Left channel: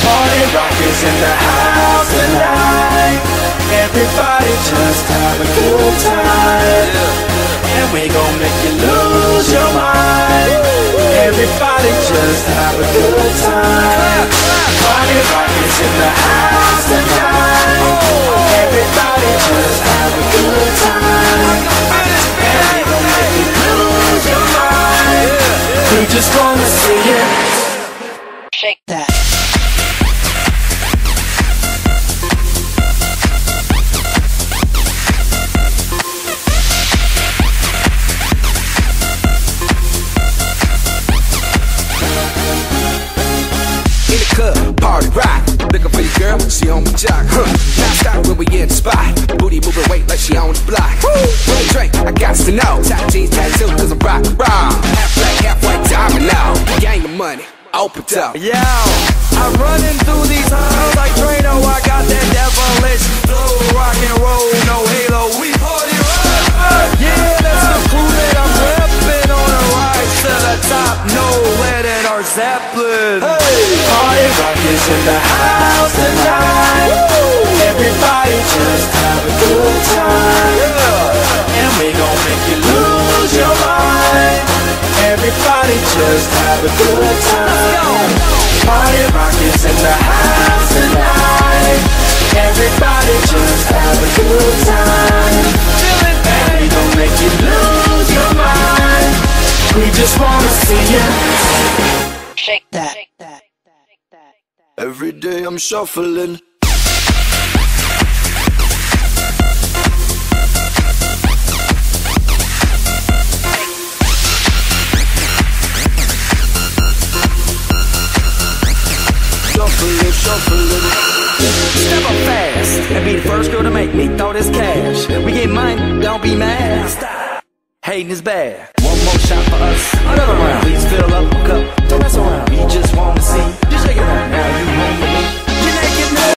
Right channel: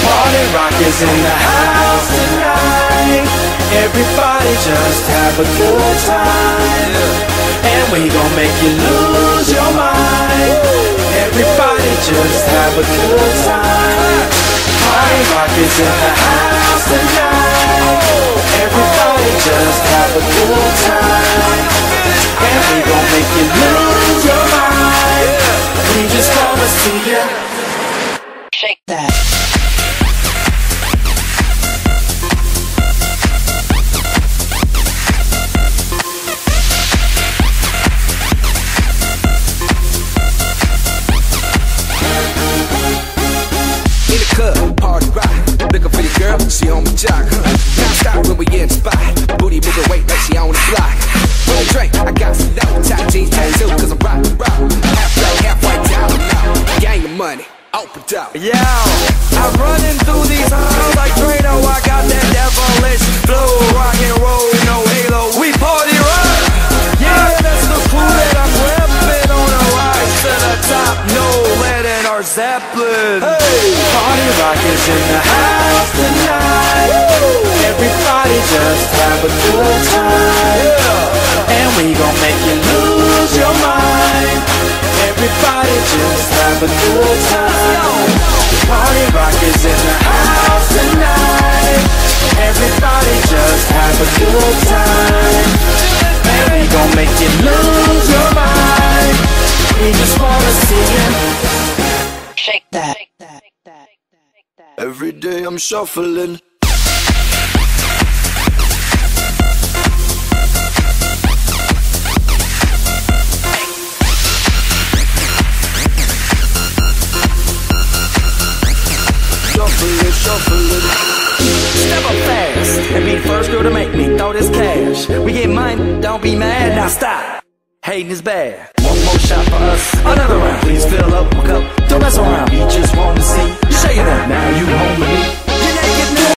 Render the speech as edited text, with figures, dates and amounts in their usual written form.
Party rock is in the house tonight. Everybody just have a good time. Yeah. And we gon' make you lose your mind. Woo. Everybody just have a good time. Party rock is in the house tonight. Oh. Everybody just have a good time. I can feel this. And we gon' make you lose your mind. Yeah. We just wanna see you shake that. In the club, party rock. Looking for your girl, she on my jock. Now stop when we in the spot. Booty moving weight like she on the block. With a drink, I got to know. Tight jeans, tattoo, cause I'm rock, raw. Half black, half white, diamond now. Gang of money, open up. Yo, I'm running through these halls like Drano. I got that devilish flow, rock and roll, no halo. We party rock. Yeah, that's the crew that I'm repping on a rise to the top. No lead in our Zeppelin. Hey, party rock is in the house tonight. Woo. Everybody just have a good time. Yeah, and we gon' make you lose your mind. Everybody just have a good time. Let's go. Party rock is in the house tonight. Everybody just have a good time. Feel it, baby. And we gon' make you lose your mind. We just wanna see you shake that. Every day I'm shuffling. Shuffling. Step up fast and be the first girl to make me throw this cash. We get mine, don't be mad, now stop. Hating is bad. One more shot for us, another round. Please fill up, hook up, don't mess around. We just wanna see you shaking that. Now you home with me. You're naked now.